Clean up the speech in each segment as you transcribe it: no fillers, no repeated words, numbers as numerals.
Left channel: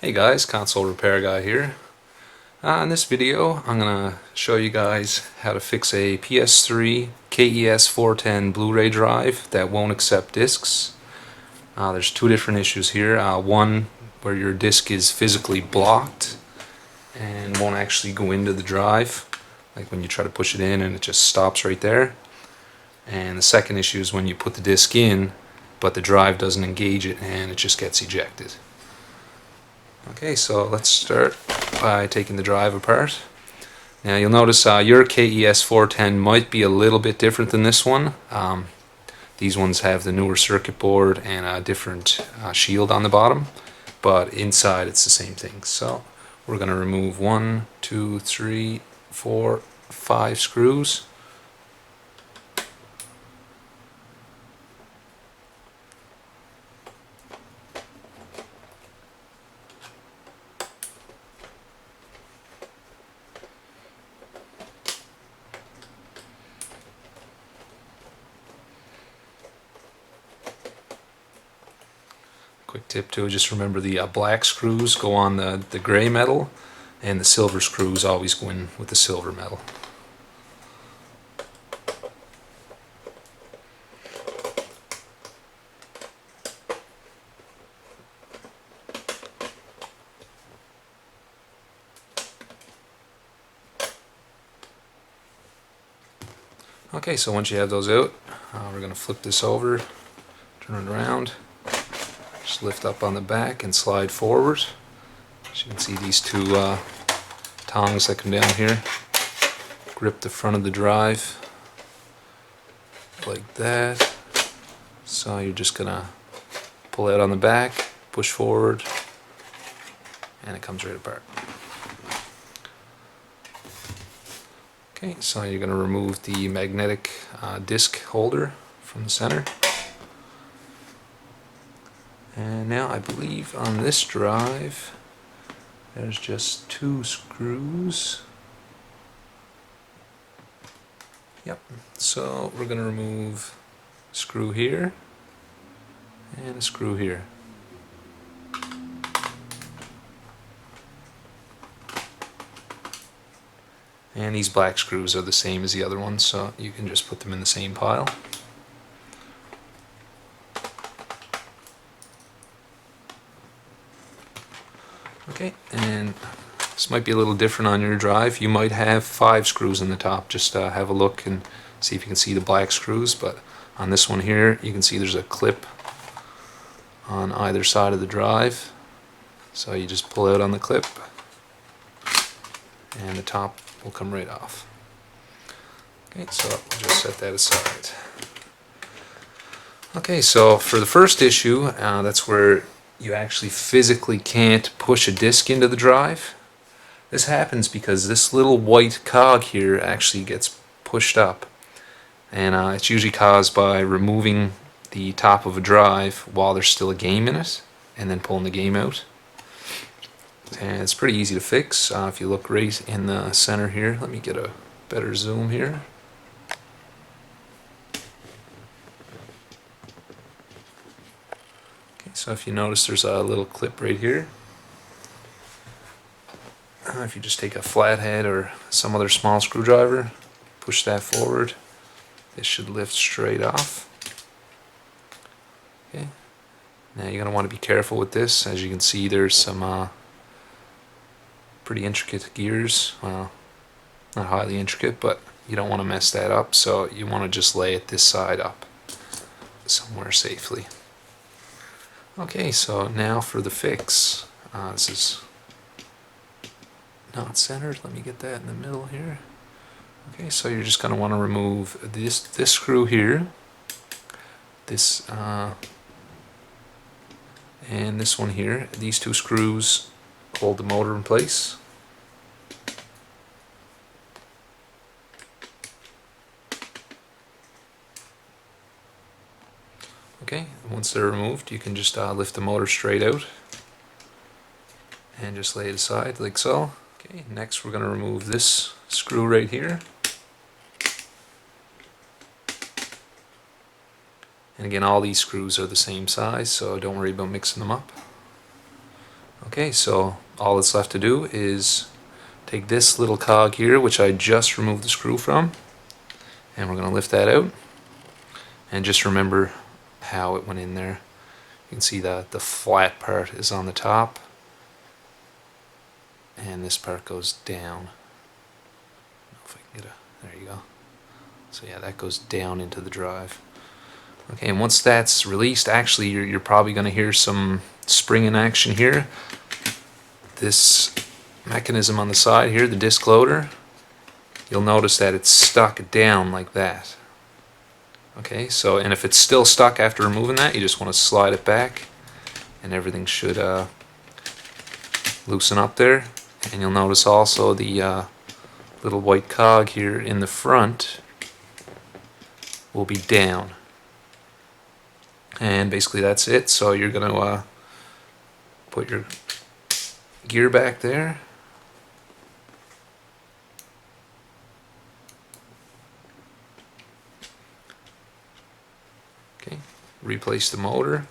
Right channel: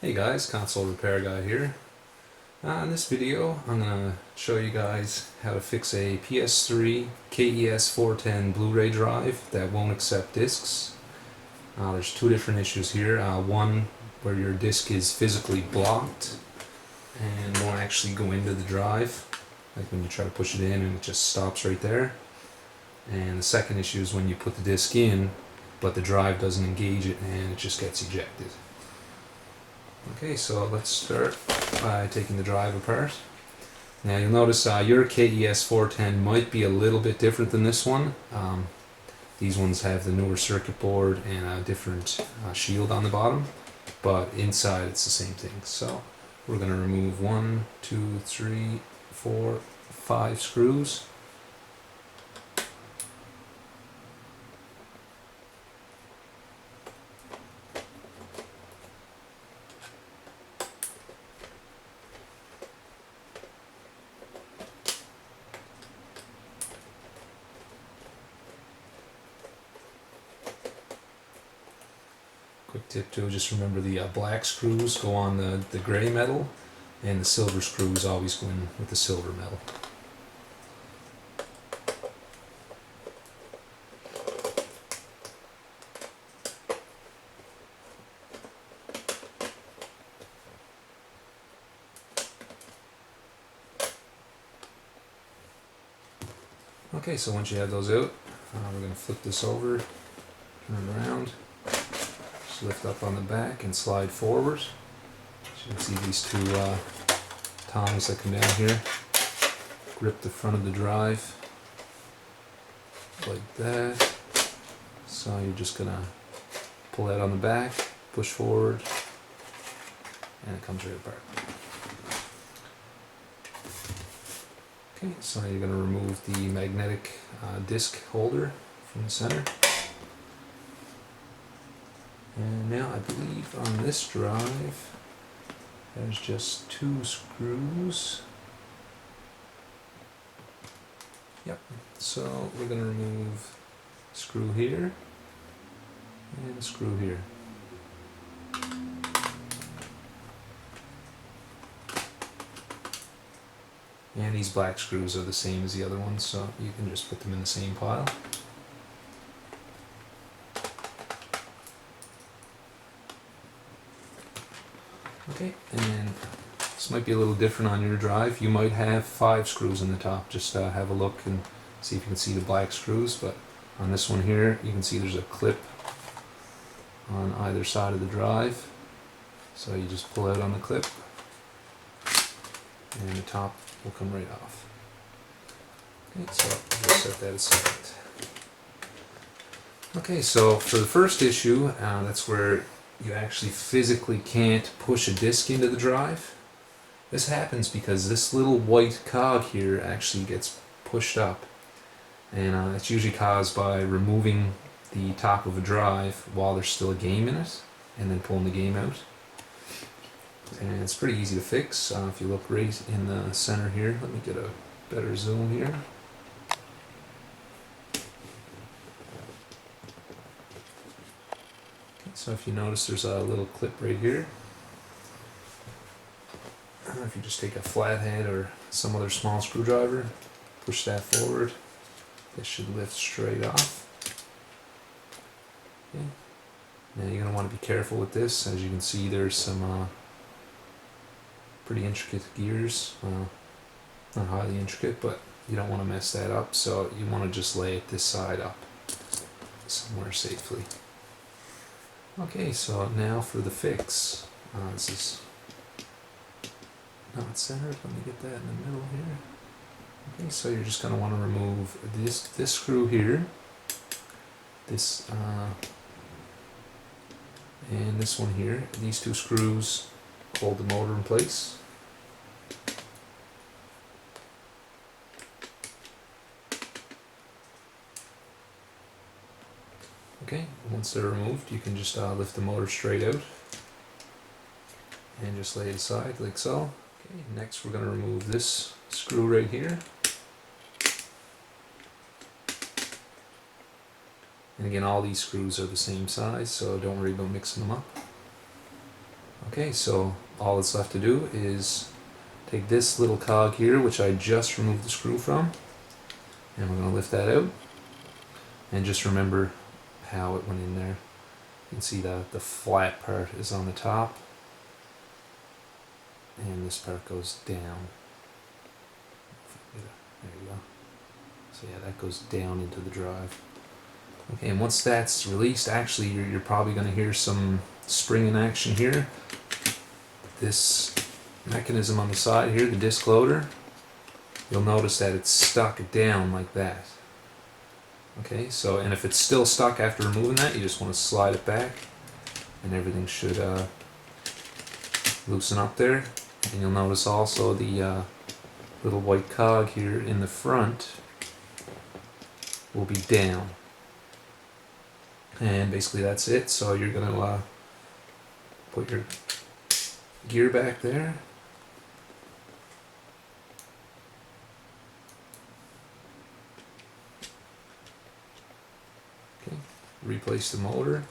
Hey guys, console repair guy here. In this video I'm going to show you guys how to fix a PS3 KES-410 Blu-ray drive that won't accept discs. There's two different issues here. One where your disc is physically blocked and won't actually go into the drive, like when you try to push it in and it just stops right there. And the second issue is when you put the disc in but the drive doesn't engage it and it just gets ejected. Okay, so let's start by taking the drive apart. Now you'll notice your KES-410 might be a little bit different than this one. These ones have the newer circuit board and a different shield on the bottom, but inside it's the same thing. So we're going to remove 1, 2, 3, 4, 5 screws. Quick tip too, just remember the black screws go on the gray metal and the silver screws always go in with the silver metal. Okay, so once you have those out, we're going to flip this over, turn it around. Just lift up on the back and slide forward. As you can see, these two tongs that come down here grip the front of the drive like that. So you're just gonna pull out on the back, push forward, and it comes right apart. Okay, so you're gonna remove the magnetic disc holder from the center. And now I believe on this drive there's just 2 screws. Yep, so we're going to remove a screw here and a screw here. And these black screws are the same as the other ones, so you can just put them in the same pile. Okay, and this might be a little different on your drive. You might have 5 screws in the top. Just have a look and see if you can see the black screws. But on this one here, you can see there's a clip on either side of the drive. So you just pull out on the clip, and the top will come right off. Okay, so we'll just set that aside. Okay, so for the first issue, that's where you actually physically can't push a disc into the drive. This happens because this little white cog here actually gets pushed up, and it's usually caused by removing the top of a drive while there's still a game in it and then pulling the game out. And it's pretty easy to fix. If you look right in the center here, let me get a better zoom here. So if you notice, there's a little clip right here. If you just take a flathead or some other small screwdriver, push that forward, it should lift straight off. Okay. Now you're going to want to be careful with this. As you can see, there's some pretty intricate gears. Well, not highly intricate, but you don't want to mess that up, so you want to just lay it this side up somewhere safely. Okay, so now for the fix. This is not centered. Let me get that in the middle here. Okay, so you're just going to want to remove this screw here, this and this one here. These 2 screws hold the motor in place. Okay, once they're removed, you can just lift the motor straight out and just lay it aside like so. Okay, next we're going to remove this screw right here. And again, all these screws are the same size, so don't worry about mixing them up. Okay. Okay, so all that's left to do is take this little cog here, which I just removed the screw from, and we're going to lift that out. And just remember how it went in there. You can see that the flat part is on the top, and this part goes down. If I can get there you go. So yeah, that goes down into the drive. Okay, and once that's released, actually you're probably going to hear some spring in action here. This mechanism on the side here, the disc loader, you'll notice that it's stuck down like that. Okay, so, and if it's still stuck after removing that, you just want to slide it back and everything should loosen up there. And you'll notice also the little white cog here in the front will be down. And basically that's it. So you're going to put your gear back there. Okay, replace the motor.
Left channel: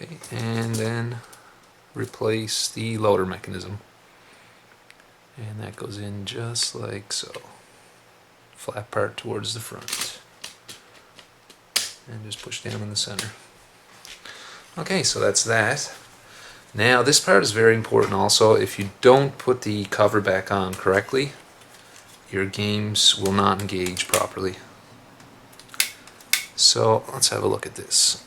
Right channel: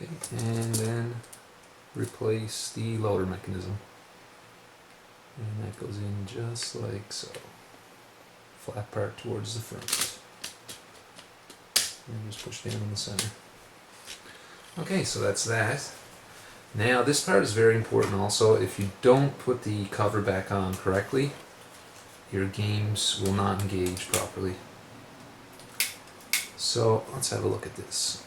Okay, and then replace the loader mechanism. And that goes in just like so. Flat part towards the front. And just push down in the center. Okay, so that's that. Now this part is very important also. If you don't put the cover back on correctly, your games will not engage properly. So let's have a look at this.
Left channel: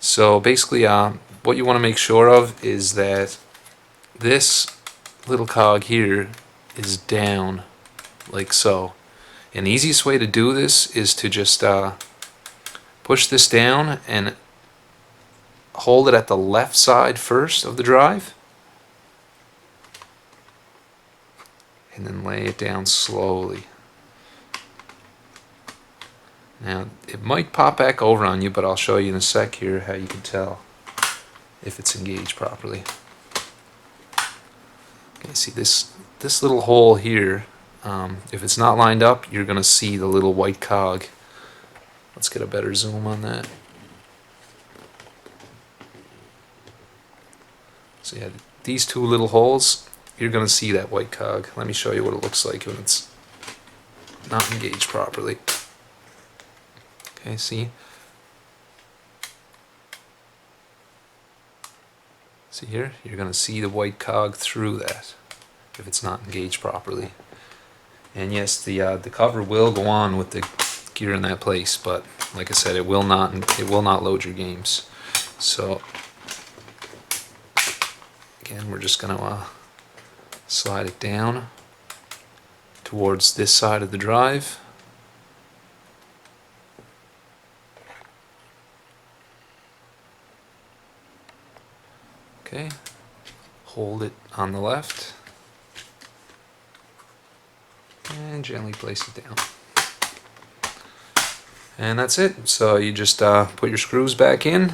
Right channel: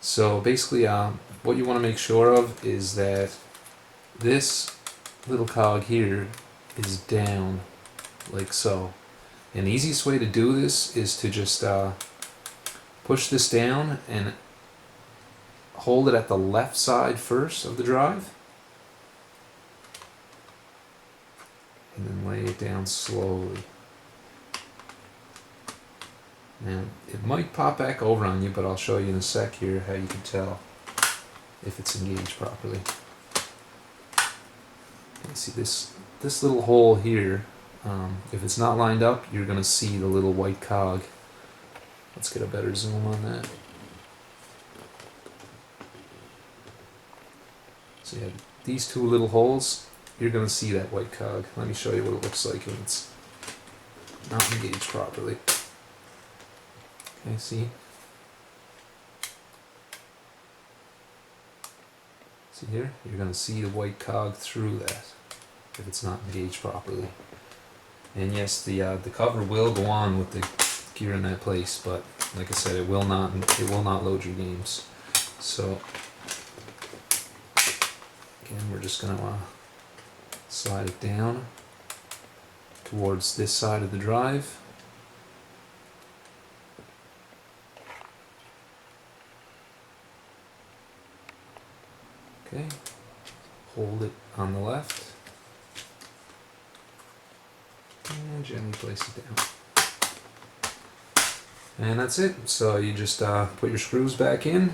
So basically what you want to make sure of is that this little cog here is down like so. And the easiest way to do this is to just push this down and hold it at the left side first of the drive and then lay it down slowly. Now it might pop back over on you, but I'll show you in a sec here how you can tell if it's engaged properly. Okay, see this little hole here, if it's not lined up, you're going to see the little white cog. Let's get a better zoom on that. So yeah, these two little holes, you're going to see that white cog. Let me show you what it looks like when it's not engaged properly. Okay, see? See here? You're going to see the white cog through that if it's not engaged properly. And yes, the cover will go on with the gear in that place, but like I said, it will not load your games. So again, we're just going to slide it down towards this side of the drive. Okay, hold it on the left and gently place it down. And that's it. So you just put your screws back in.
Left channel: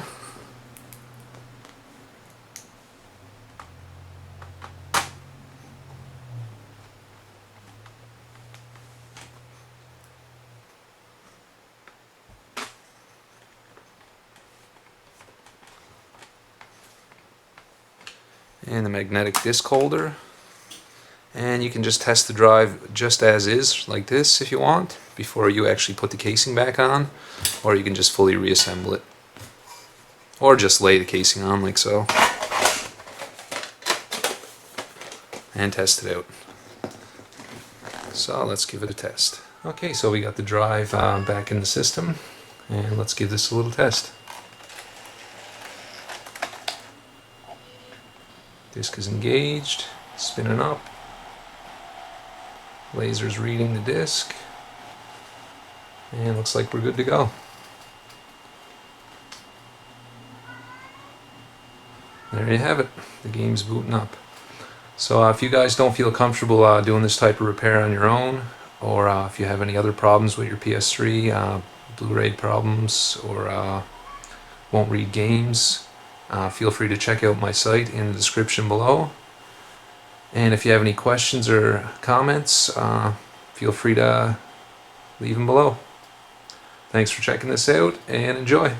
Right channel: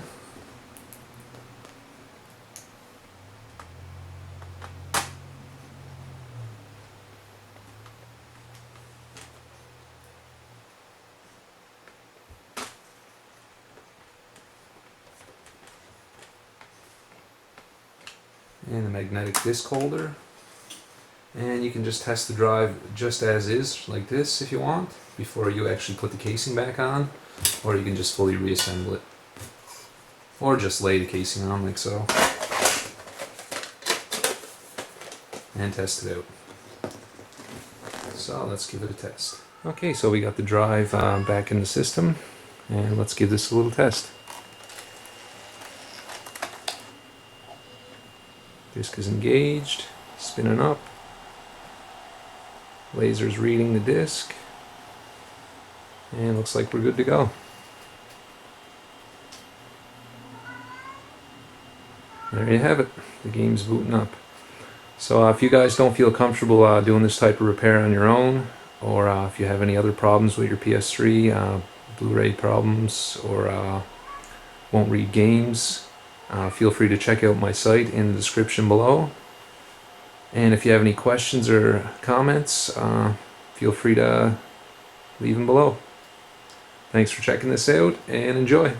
And the magnetic disc holder, and you can just test the drive just as is, like this if you want, before you actually put the casing back on, or you can just fully reassemble it, or just lay the casing on like so and test it out. So let's give it a test. Okay, so we got the drive back in the system, and let's give this a little test. Disc is engaged, spinning up. Laser's reading the disc. And it looks like we're good to go. There you have it. The game's booting up. So if you guys don't feel comfortable doing this type of repair on your own, or if you have any other problems with your PS3, Blu-ray problems, or won't read games, feel free to check out my site in the description below. And if you have any questions or comments, feel free to leave them below. Thanks for checking this out, and enjoy.